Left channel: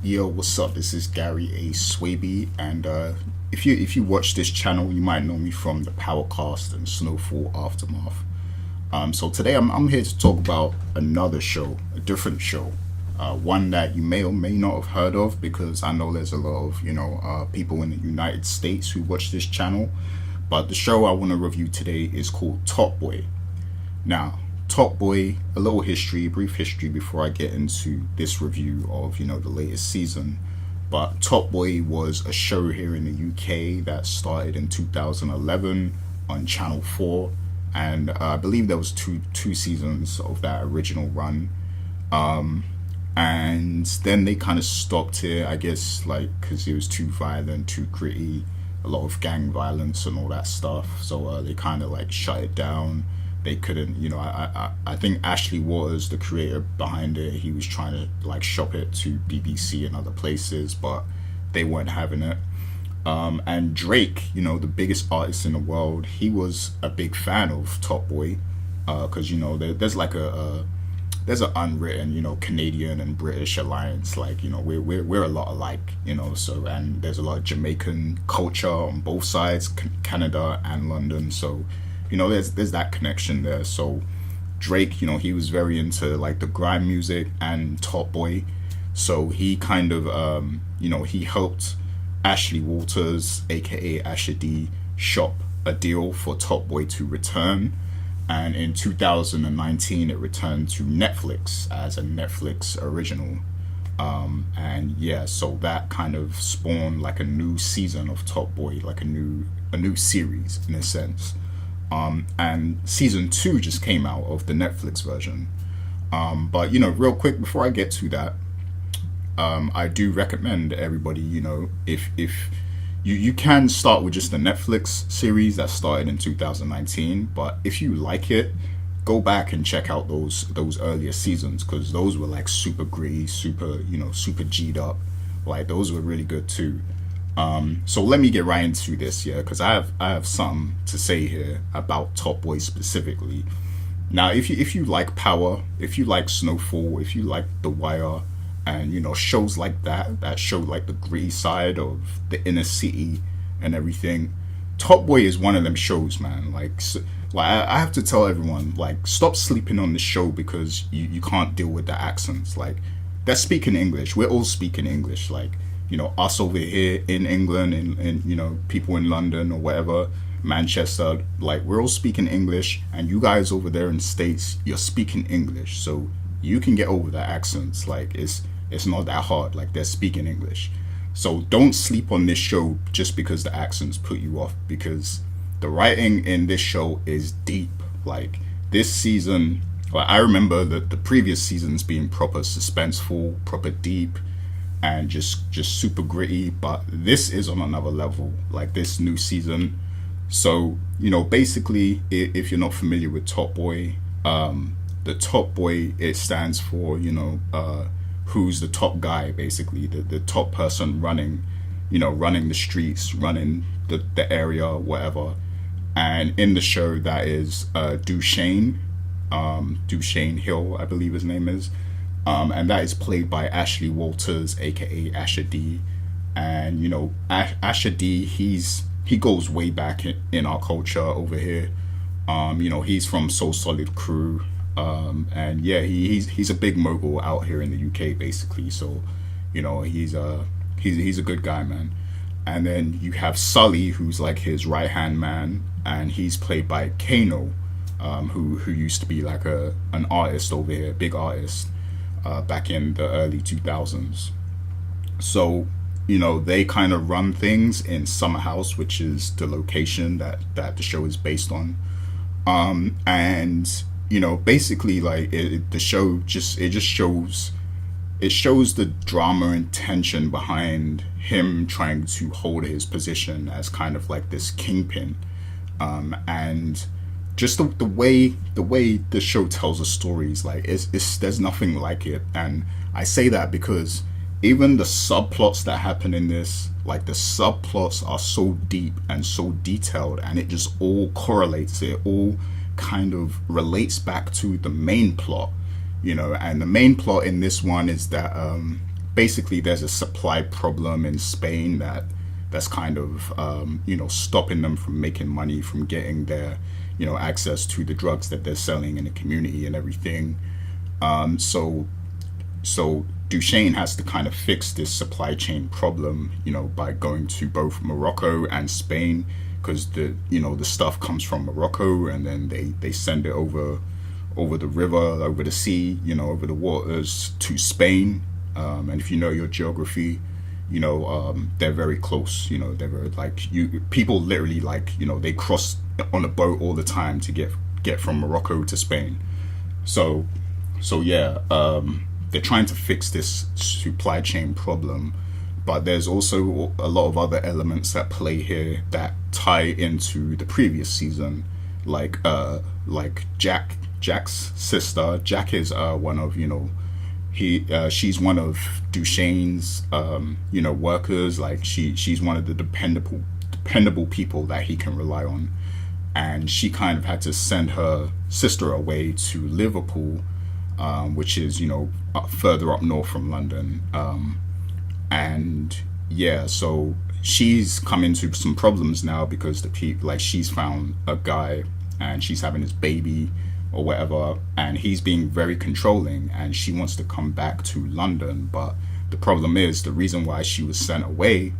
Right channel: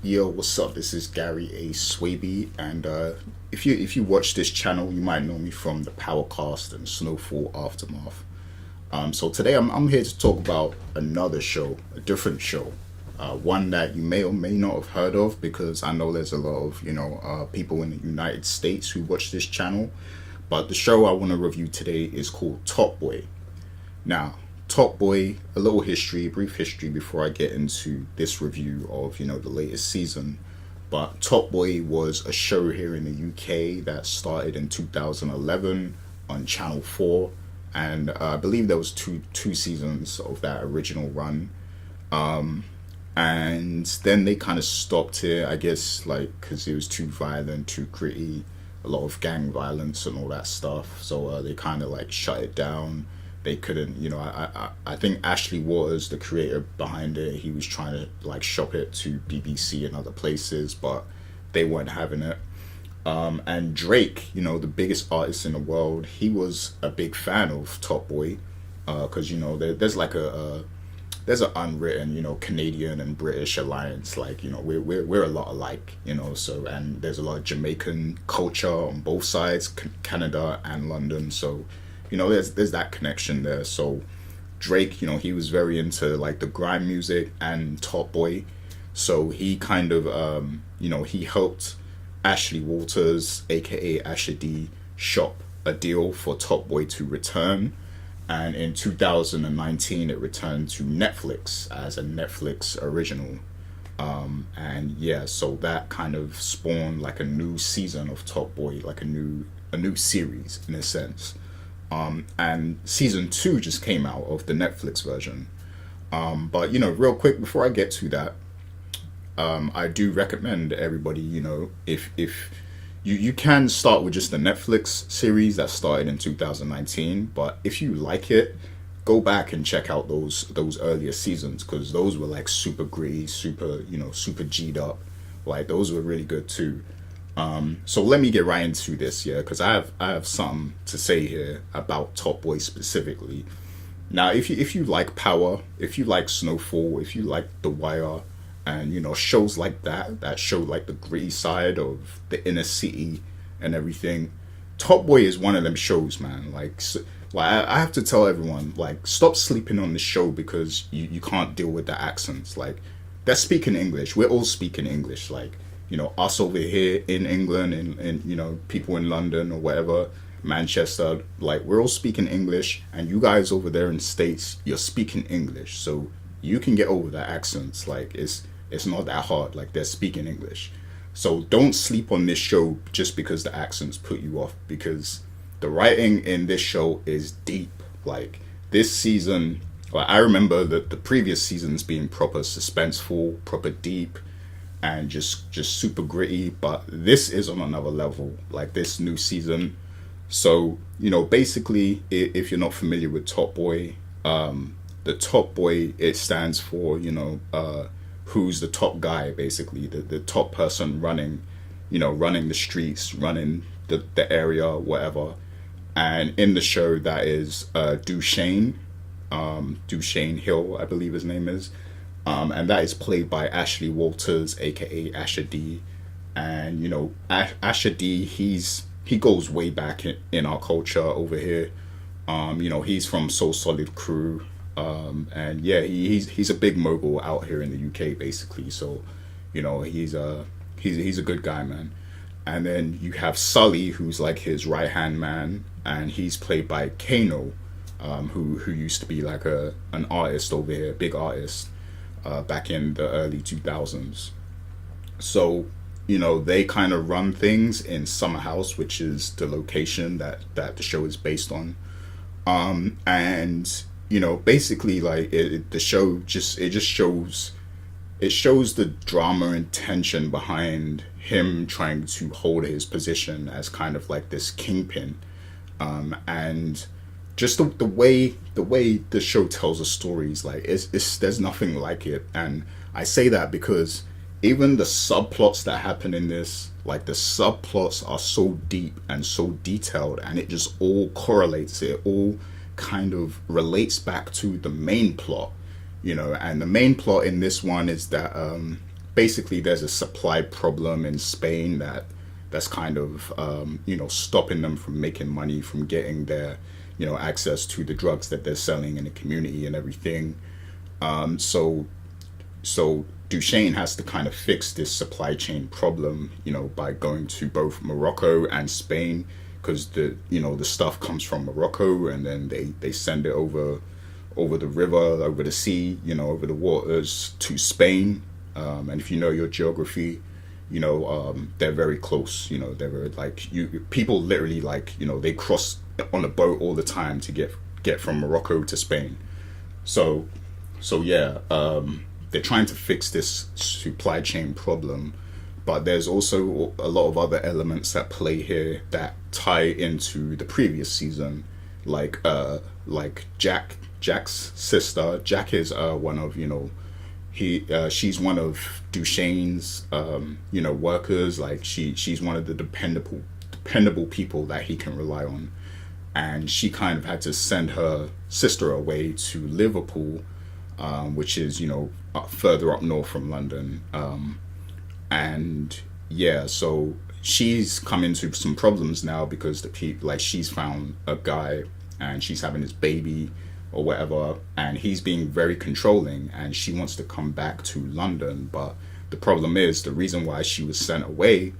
Yo, what's up? This is Gary A. Swaby, and if you watch this channel, you might know me from the Powercast and Snowfall Aftermath. So today I'm here to talk about another show, a different show, one that you may or may not have heard of because I know there's a lot of people in the United States who watch this channel. But the show I want to review today is called Top Boy. Now, Top Boy, a little history, brief history before I get into this review of, the latest season. But Top Boy was a show here in the UK that started in 2011 on Channel 4. And I believe there was two seasons of that original run. And then they kind of stopped it, I guess, like, because it was too violent, too gritty, a lot of gang violence and all that stuff. So they kind of like shut it down. They couldn't, I think Ashley Waters, the creator behind it, he was trying to like shop it to BBC and other places, but they weren't having it. And Drake, the biggest artist in the world, he was a big fan of Top Boy, because there's like there's an unwritten Canadian and British alliance, like we're a lot alike, so, and there's a lot of Jamaican culture on both sides, Canada and London, so there's that connection there. So Drake, he was very into like the grime music and Top Boy, so he kind of he helped Ashley Waters, aka Asher D, shop a deal for Top Boy to return, and in 2019 it returned to Netflix as a Netflix original. And yeah, so that kind of spawned like a new season of Top Boy, like a new series in a sense. And season 2 just came out of the Netflix version. But real quick before I get to that, I do recommend everybody, if you can start with just the Netflix series that started in 2019, but if you like it, go back and check out those earlier seasons, because those were like super gritty, super G'd up. Like those were really good too. So let me get right into this, yeah, because I have something to say here about Top Boy specifically. Now, if you like Power, if you like Snowfall, if you like The Wire, and shows like that show like the gritty side of the inner city and everything, Top Boy is one of them shows, man. I have to tell everyone, like, stop sleeping on this show because you can't deal with the accents. Like, they're speaking English. We're all speaking English. Like, us over here in England and people in London or whatever, Manchester, like, we're all speaking English, and you guys over there in States, you're speaking English. So you can get over the accents. Like, it's not that hard. Like, they're speaking English. So don't sleep on this show just because the accents put you off, because the writing in this show is deep. Like, this season, like, I remember the previous seasons being proper suspenseful, proper deep, and just super gritty, but this is on another level, like this new season. So basically, if you're not familiar with Top Boy, the Top Boy, it stands for who's the top guy, basically the top person running the streets, running the area, whatever. And in the show, that is Duchesne Hill, I believe his name is. And that is played by Ashley Waters, aka Asher D. And Asher D, he goes way back in our culture over here. He's from Soul Solid Crew, and yeah, he's a big mogul out here in the UK, basically. So he's a good guy, man. And then you have Sully, who's like his right hand man, and he's played by Kano, who used to be like an artist over here, big artist. Back in the early 2000s. So, they kind of run things in Summer House, which is the location that the show is based on. And, basically, like, the show just shows the drama and tension behind him trying to hold his position as kind of like this kingpin. And just the way the show tells the stories, like there's nothing like it. And I say that because even the subplots that happen in this, like the subplots are so deep and so detailed, and it just all correlates. It all kind of relates back to the main plot, and the main plot in this one is that basically there's a supply problem in Spain that's kind of stopping them from making money, from getting their access to the drugs that they're selling in the community and everything. So Duchesne has to kind of fix this supply chain problem, by going to both Morocco and Spain, because the stuff comes from Morocco, and then they send it over the river, over the sea, over the waters to Spain. And if you know your geography, they're very close. They're very, like, people literally, like, they cross on a boat all the time to get from Morocco to Spain. So yeah, they're trying to fix this supply chain problem, but there's also a lot of other elements at play here that tie into the previous season, like Jack's sister. Jack is one of she's one of Duchesne's workers. Like she's one of the dependable people that he can rely on, and she kind of had to send her sister away to Liverpool, which is further up north from London, and yeah, so she's come into some problems now because she's found a guy and she's having his baby or whatever, and he's being very controlling, and she wants to come back to London. But the problem is, the reason why she was sent away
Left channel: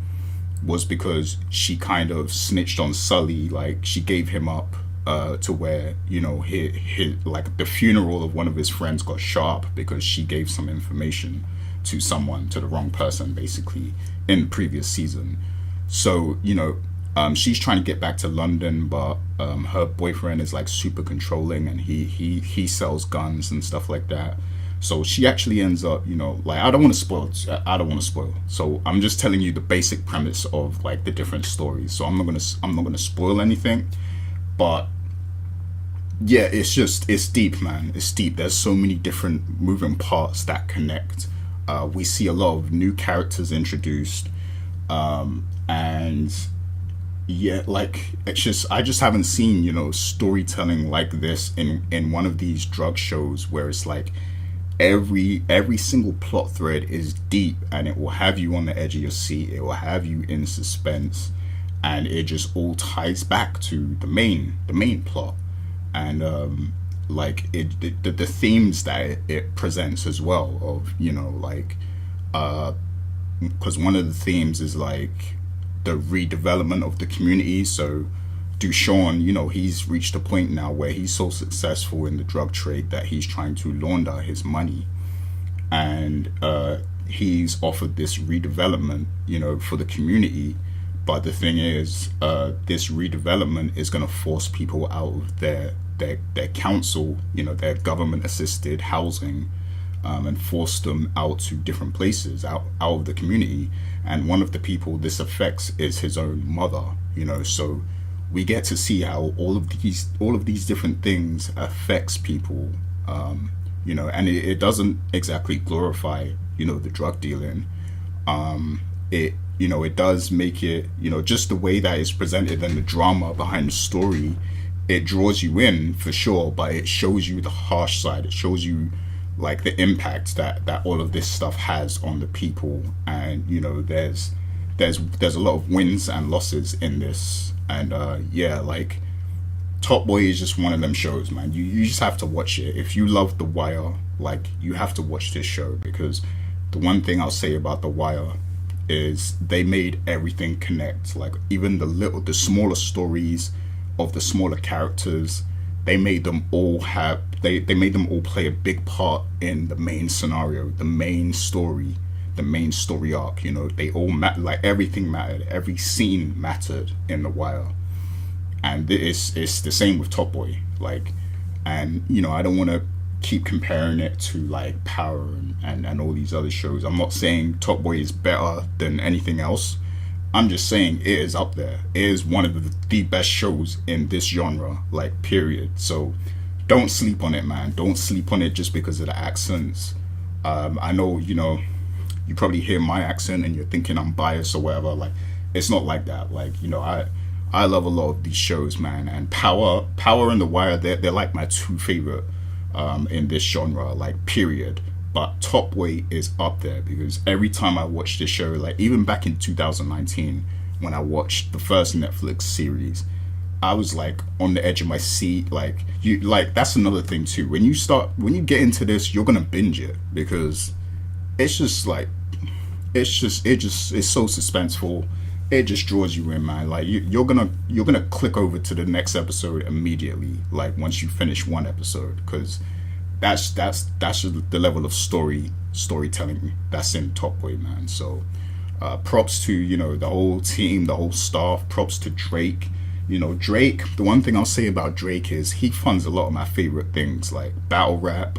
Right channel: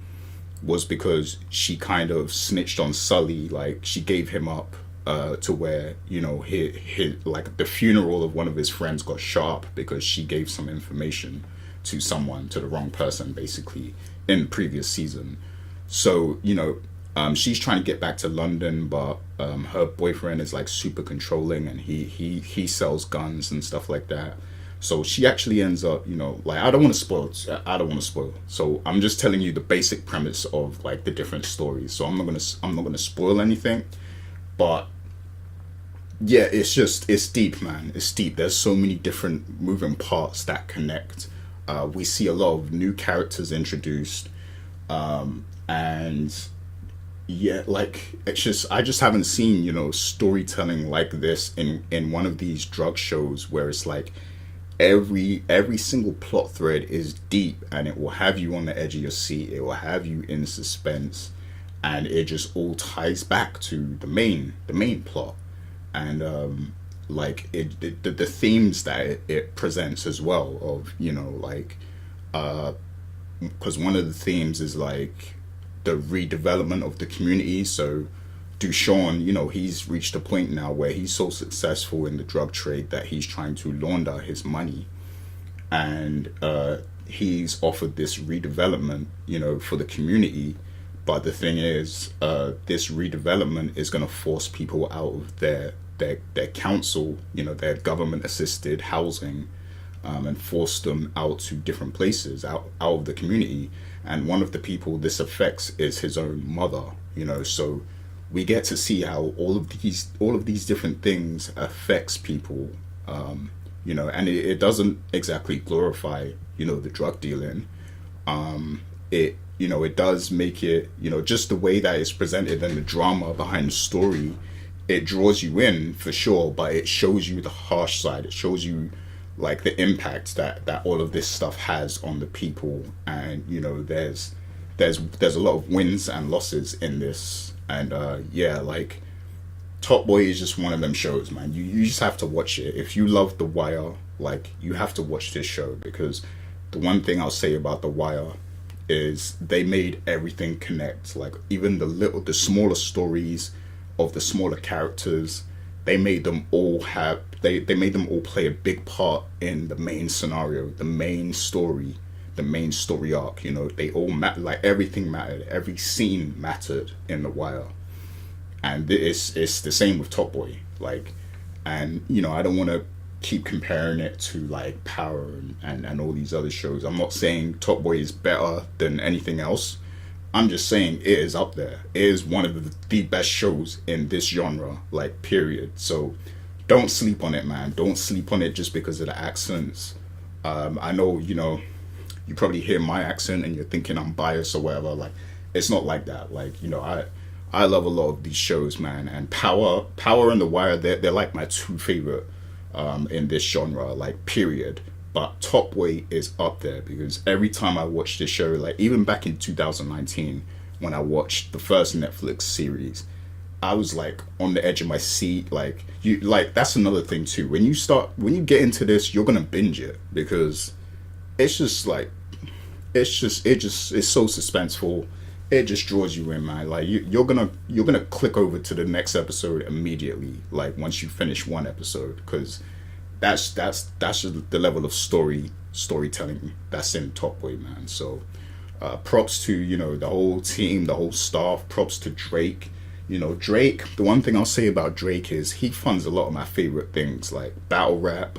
was because she kind of snitched on Sully. Like, she gave him up to where his like the funeral of one of his friends got shot up because she gave some information to the wrong person, basically, in the previous season. So she's trying to get back to London, but her boyfriend is like super controlling, and he sells guns and stuff like that. So she actually ends up, like, I don't want to spoil. So I'm just telling you the basic premise of like the different stories. So I'm not gonna spoil anything, but yeah, it's deep, man. It's deep. There's so many different moving parts that connect. We see a lot of new characters introduced, and yeah, like, I just haven't seen storytelling like this in one of these drug shows, where it's like every single plot thread is deep, and it will have you on the edge of your seat. It will have you in suspense, and it just all ties back to the main plot, and the themes that it presents as well, of because one of the themes is like the redevelopment of the community. So Duchamp, he's reached a point now where he's so successful in the drug trade that he's trying to launder his money, and he's offered this redevelopment for the community. But the thing is, this redevelopment is going to force people out of their council, their government assisted housing, and force them out to different places, out of the community. And one of the people this affects is his own mother. So we get to see how all of these different things affects people, and it doesn't exactly glorify the drug dealing. It does make it, just the way that it's presented and the drama behind the story, it draws you in for sure, but it shows you the harsh side. It shows you like the impact that all of this stuff has on the people. And there's a lot of wins and losses in this. And like, Top Boy is just one of them shows, man. You just have to watch it. If you love The Wire, like, you have to watch this show, because the one thing I'll say about The Wire is they made everything connect. Like, even the smaller stories of the smaller characters, they made them all play a big part in the main scenario, the main story arc. They all like, everything mattered, every scene mattered in The Wire. And it's the same with Top Boy. Like, and I don't want to keep comparing it to like Power and all these other shows. I'm not saying Top Boy is better than anything else. I'm just saying it is up there. It is one of the best shows in this genre, like, period. So don't sleep on it, man. Don't sleep on it just because of the accents. I know, you probably hear my accent and you're thinking I'm biased or whatever. Like, it's not like that. Like, I love a lot of these shows, man. And Power and The Wire, they're like my two favorite in this genre, like, period. But Top Boy is up there because every time I watch this show, like even back in 2019 when I watched the first Netflix series, I was like on the edge of my seat. Like you, like that's another thing too. When you get into this, you're gonna binge it because it's just like it's so suspenseful. It just draws you in, man. Like you're gonna click over to the next episode immediately. Like once you finish one episode, because that's just the level of storytelling that's in Top Boy, man. So props to the whole team, the whole staff. Props to Drake. Drake. The one thing I'll say about Drake is he funds a lot of my favorite things like battle rap,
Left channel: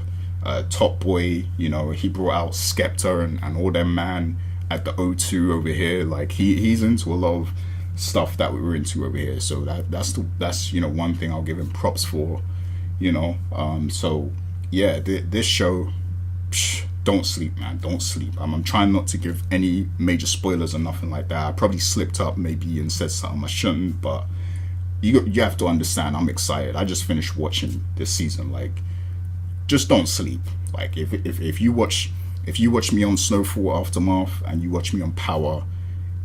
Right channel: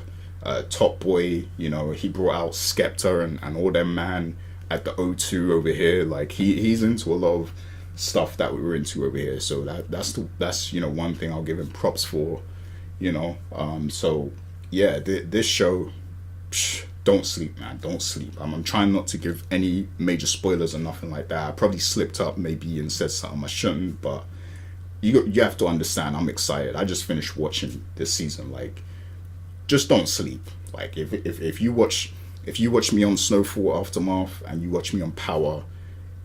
Top Boy. He brought out Skepta and all them, man, at the O2 over here. Like he's into a lot of stuff that we were into over here. So that's one thing I'll give him props for. So yeah, this show, don't sleep, man. Don't sleep. I'm trying not to give any major spoilers or nothing like that. I probably slipped up maybe and said something I shouldn't, but you have to understand, I'm excited. I just finished watching this season. Like, just don't sleep. Like, if you watch me on Snowfall Aftermath and you watch me on Power,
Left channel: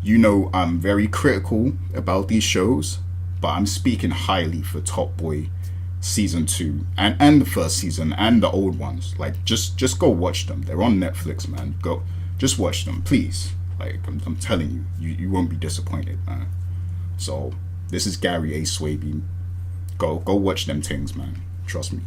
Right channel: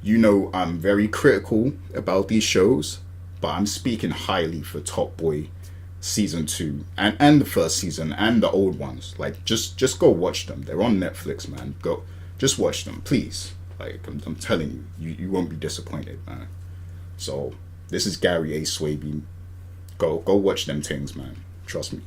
I'm very critical about these shows, but I'm speaking highly for Top Boy season 2 and the first season and the old ones. Like, just go watch them. They're on Netflix, man. Go, just watch them, please. Like, I'm telling you won't be disappointed, man. So this is Gary A. Swaby. Go watch them things, man. Trust me.